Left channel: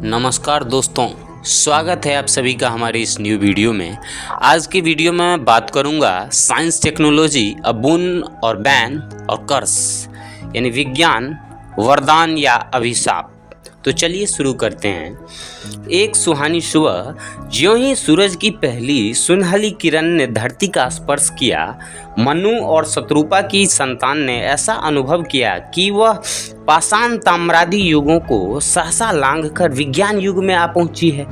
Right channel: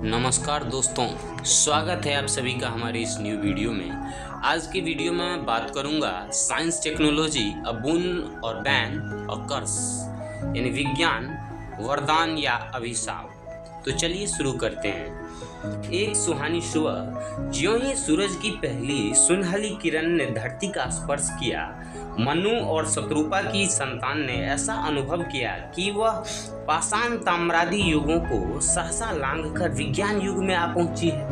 नमस्कार दोस्तों, स्वागत है आप सभी का हमारे इस न्यू वीडियो में। आज की वीडियो में मैं बात करूंगा साइंस टेक्नोलॉजी अ बोन और बैन और कर्स, यानी विज्ञान वरदान या अभिशाप। तो चलिए शुरू करते हैं। एक सुहानी सुबह ज्यों ही सूरज की पहली सुनहली किरण ने धरती का स्पर्श किया, मनु और शत्रुपा की संतान ने ऐसा अनुभव किया कि वह पाषाण ताम्रादि युगों को सहसा लांघकर विज्ञान युग में आ पहुंची है।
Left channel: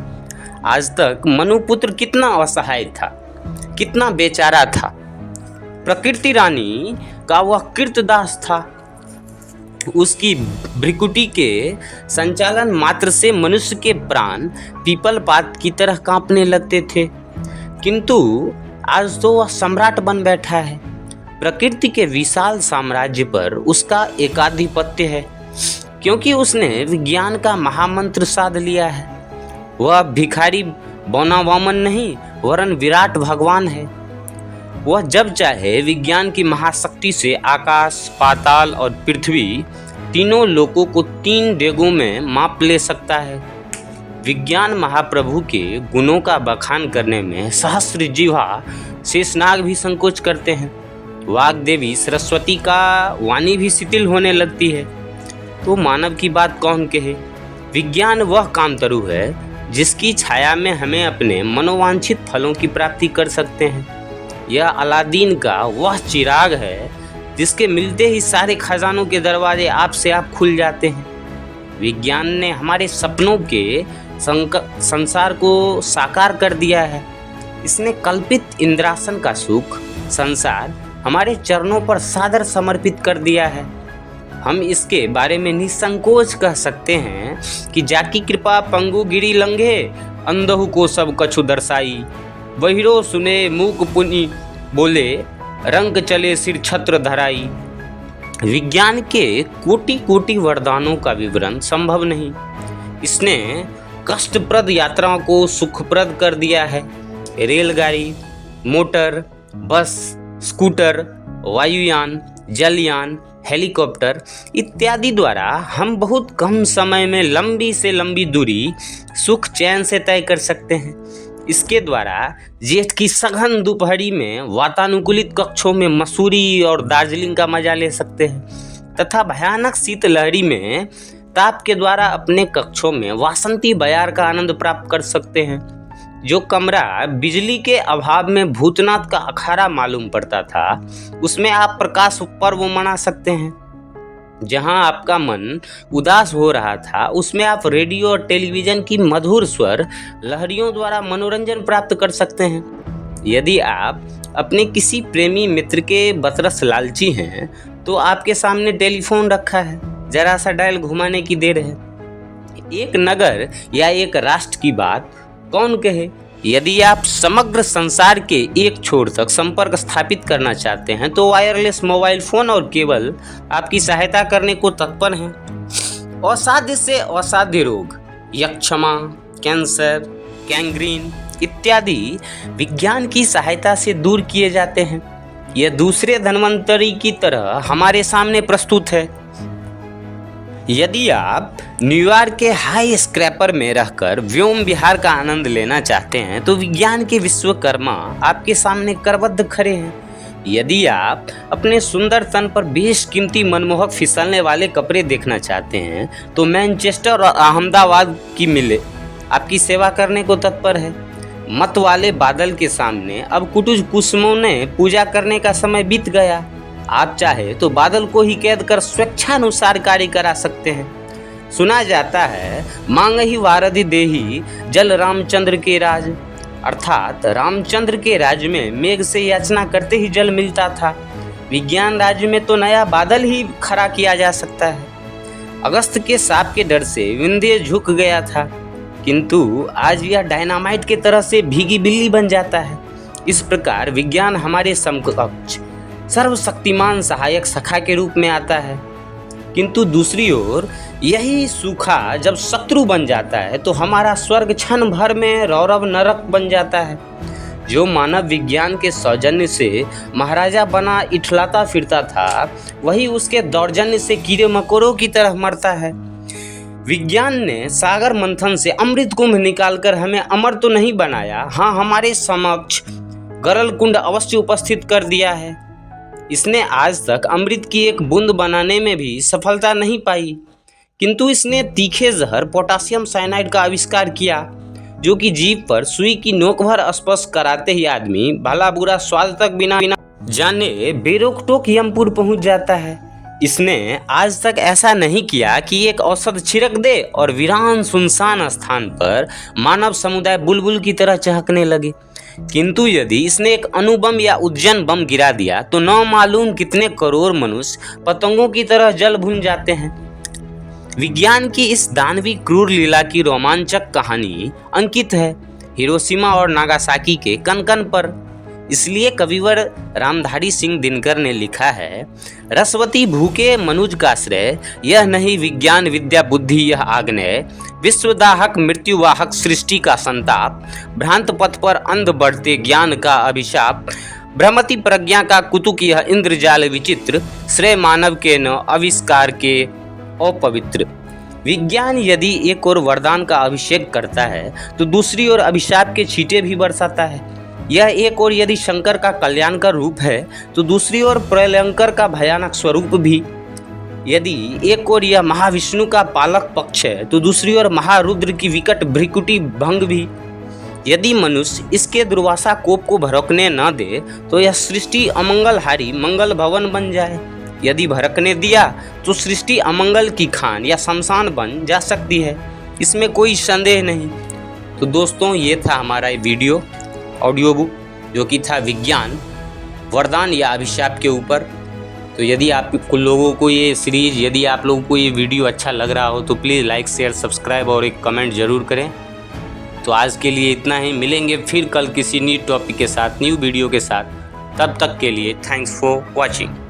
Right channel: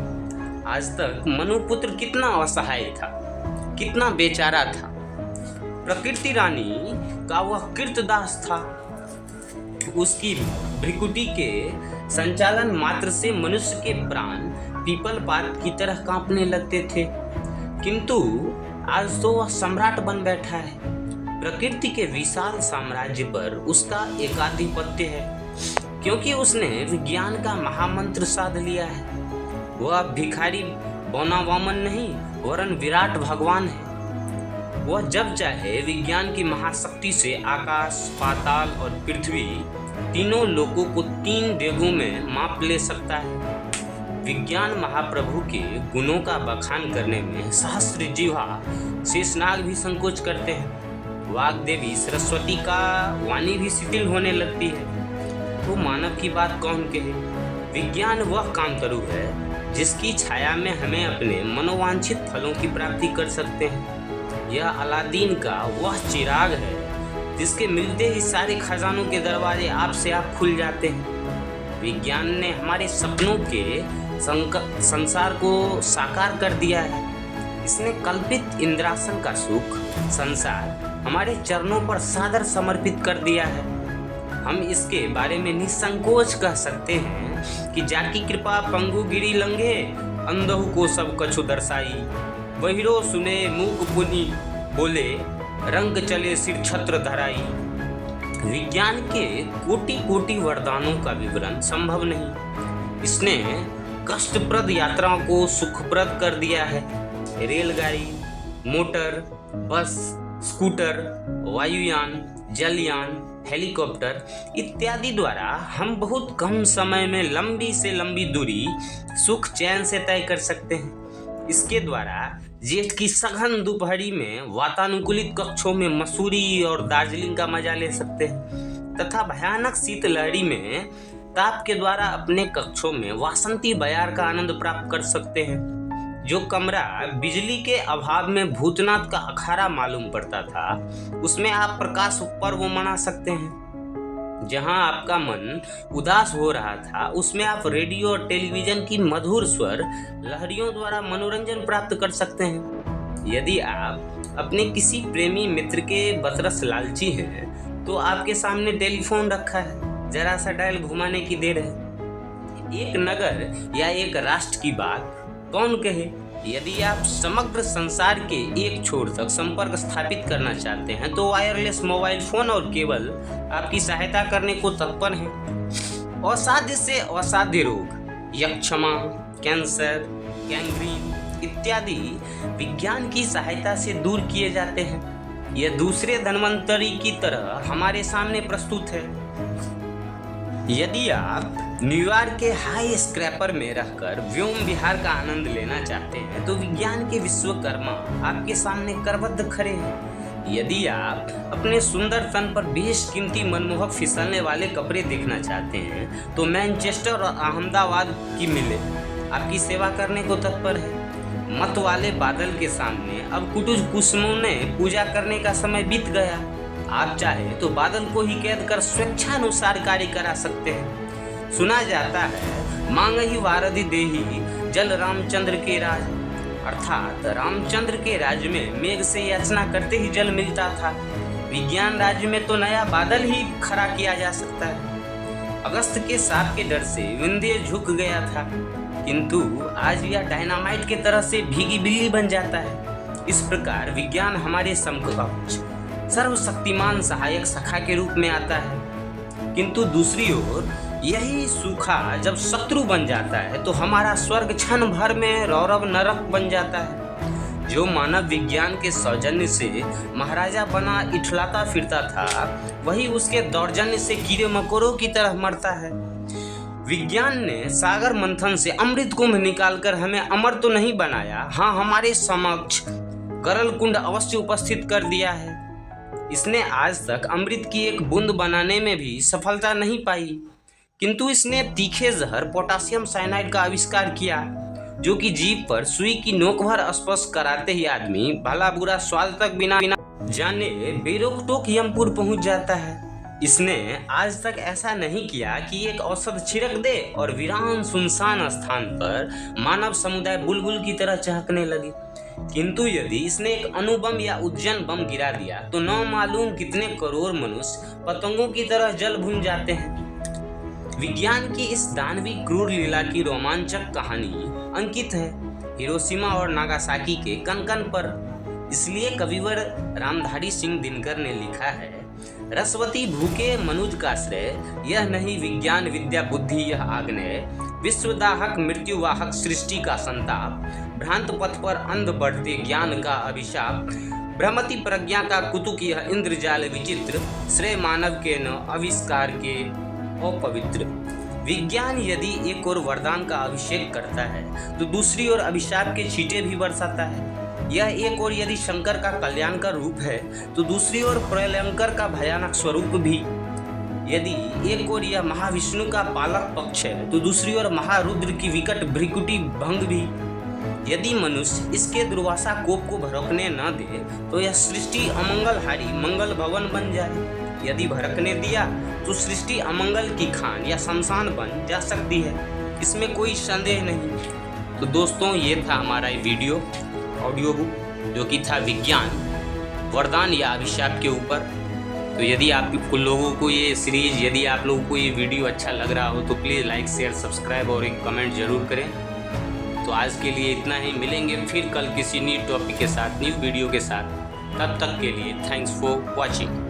आज तक मनुपुत्र कितना असहाय था, कितना बेचारा था। प्रकृति रानी का वह कृतदास था। उसकी भ्रिकुटी के संचालन मात्र से मनुष्य के प्राण पीपल पात की तरह कांपने लगते थे, किंतु आज तो वह सम्राट बन बैठा है। प्रकृति के विशाल साम्राज्य पर उसका एकाधिपत्य है, क्योंकि उसने विज्ञान का महामंत्र साध लिया है। वह भिखारी बौना वामन नहीं, वरन विराट भगवान है। वह जब चाहे विज्ञान की महाशक्ति से आकाश, पाताल और पृथ्वी तीनों लोकों को 3 डेगों में माप ले सकता है। विज्ञान महाप्रभु के गुणों का बखान करने में सहस्त्र जिह्वा शेषनाग भी संकोच करते हैं। वाग्देवी सरस्वती का वाणी भी शिथिल होने लगती है, तो मानव की बात कौन कहे। विज्ञान वह कामतरु है जिसकी छाया में हमें अपने मनोवांछित फलों की प्राप्ति कर सकते हैं। यह अलादीन का वह चिराग है जिसके मिलते ही सारे खजानों के दरवाजे आप से आप खुल जाते हैं। विज्ञान ने हमारे सपनों के संसार को साकार कर दिया है। इसने कल्पित इंद्रासन का सुख संसार हमारे चरणों पर सादर समर्पित कर दिया है। हम इसके बारे में निसंकोच कह सकते हैं कि जाकी कृपा पंगु गिरी लंघे, अंधहु को सब कछु दर्शाई। बहिरो सुने मूक पुनि बोले, रंग चले सिर छत्र धराई। विज्ञान के कोटि कोटि वरदानों का विवरण संभव नहीं। इसने कष्टप्रद यात्राओं को सुखप्रद कर दिया है। रेलगाड़ी, मोटर, बस, स्कूटर, वायुयान, जलयान, हेलीकॉप्टर इत्यादि द्वारा हम बहुत कम समय में लंबी से लंबी दूरी सुख चैन से तय कर सकते हैं। इसके द्वारा जेठ की सघन दोपहरी में वातानुकूलित कक्षों में मसूरी और दार्जिलिंग का मजा ले सकते हैं, तथा भयानक शीतलहरी में ताप के द्वारा अपने कक्षों में वासंती बयार का आनंद प्राप्त कर सकते हैं। जो कमरा बिजली के अभाव में भूतनाथ का अखाड़ा मालूम पड़ता था, उसमें आप प्रकाश पर्व मना सकते हैं। जहां आपका मन उदास हो रहा था, उसमें आप रेडियो और टेलीविजन की मधुर स्वर लहरियों द्वारा मनोरंजन प्राप्त कर सकते हैं। यदि आप अपने किसी प्रेमी मित्र के बतरस लालची हैं, तो आपके सामने टेलीफोन रखा है, जरा सा डायल घुमाने की देर है। एक नगर या एक राष्ट्र की बात कौन कहे। यदि आप समग्र संसार के एक छोर तक संपर्क स्थापित करना चाहते हैं, तो वायरलेस मोबाइल फोन और केबल आपकी सहायता करने को तत्पर हैं। असाध्य से असाध्य रोग, यक्षमा, कैंसर, गैंग्रीन इत्यादि विज्ञान की सहायता से दूर किए जाते हैं। यह दूसरे धन्वंतरी की तरह हमारे सामने प्रस्तुत है। यदि आप न्यूयॉर्क के हाई स्क्रैपर में रहकर व्योम विहार का आनंद लेना चाहते हैं, तो विज्ञान के विश्वकर्मा आपके सामने करबद्ध खड़े हैं। यदि आप अपने सुंदर तन पर बेशकीमती मनमोहक फिसलने वाले कपड़े देखना चाहते हैं, तो मैनचेस्टर और अहमदाबाद की मिले आपकी सेवा करने को तत्पर है। मत वाले बादल के सामने अब कुटुज कुसुमों ने पूजा करने का समय बीत गया। आप चाहे तो बादल को ही कैद कर स्वेच्छानुसार कार्य करा सकते हैं। सुना जाता है, मांग ही वारधि देही जल रामचंद्र के राज, अर्थात रामचंद्र के राज्य में मेघ से याचना करते ही जल मिलता था। विज्ञान राज्य में तो नया बादल ही खड़ा किया जा सकता है। अगस्त के सांप के डर से विंध्य झुक गया था, किंतु आज यह डायनामाइट के तरह से भीगी बिल्ली बन जाता है। इस प्रकार विज्ञान हमारे समकक्ष सर्वशक्तिमान सहायक सखा के रूप में आता है, किंतु दूसरी ओर यही सूखा जब शत्रु बन जाता है, तो हमारा स्वर्ग क्षण भर में रौरव नरक बन जाता है। जो मानव विज्ञान के सौजन्य से महाराजा बना इठलाता फिरता था, वही उसके दौर्जन्य से कीड़े मकोड़ों की तरह मरता है। विज्ञान ने सागर मंथन से अमृत कुंभ निकालकर हमें अमर तो नहीं बनाया, हाँ हमारे समक्ष गरल कुंड अवश्य उपस्थित कर दिया है। इसने आज तक अमृत की एक बूंद बनाने में भी सफलता नहीं पाई, किंतु इसने तीखे जहर पोटासियम साइनाइड का आविष्कार किया, जो कि जीभ पर सुई की नोक भर स्पर्श कराते ही आदमी भला बुरा स्वाद तक बिना जाने बेरोक-टोक यमपुर पहुंच जाता है। इसने आज तक ऐसा नहीं किया कि एक औषध छिड़क दे और वीरान सुनसान स्थान पर मानव समुदाय बुलबुल की तरह चहकने लगे, किंतु यदि इसने एक अणुबम या उज्जैन बम गिरा दिया तो न मालूम कितने करोड़ मनुष्य पतंगों की तरह जल भुन जाते हैं। विज्ञान की इस दानवी क्रूर लीला की रोमांचक कहानी अंकित है हिरोशिमा और नागासाकी के कण-कण पर। इसलिए कविवर रामधारी सिंह दिनकर ने लिखा है, रसवती भूखे मनुज का श्रेय, यह नहीं विज्ञान विद्या बुद्धि यह आग्नेय, विश्वदाहक मृत्युवाहक सृष्टि का संताप, भ्रांत पथ पर अंध बढ़ते ज्ञान का अभिशाप, भ्रमति प्रज्ञा का कुतुक यह इंद्रजाल विचित्र, श्रेय मानव के न आविष्कार के अपवित्र। विज्ञान यदि एक और वरदान का अभिषेक करता है तो दूसरी ओर अभिशाप के छींटे भी बरसाता है। यह एक और यदि शंकर का कल्याणकर रूप है तो दूसरी ओर प्रलयंकर का भयानक स्वरूप भी। यदि एक और यह महाविष्णु का पालक पक्ष है तो दूसरी ओर महारुद्र की विकट भ्रिकुटी भंग भी। यदि मनुष्य इसके दुर्वासा कोप को भड़कने न दे तो यह सृष्टि अमंगलहारी मंगल भवन बन जाए। यदि भड़कने दिया तो सृष्टि अमंगल की खान या शमशान बन जा सकती है, इसमें कोई संदेह नहीं। तो दोस्तों, ये था हमारा वीडियो ऑडियो बुक, जो कि था विज्ञान वरदान या अभिशाप के ऊपर। तो यदि आप लोगों को ये सीरीज, यदि आप लोगों को ये वीडियो अच्छा लग रहा हो तो प्लीज़ लाइक शेयर सब्सक्राइब और एक कमेंट ज़रूर करें। तो आज के लिए इतना ही, मिलेंगे फिर कल किसी न्यू टॉपिक के साथ, न्यू वीडियो के साथ। तब तक के लिए थैंक्स फॉर वॉचिंग।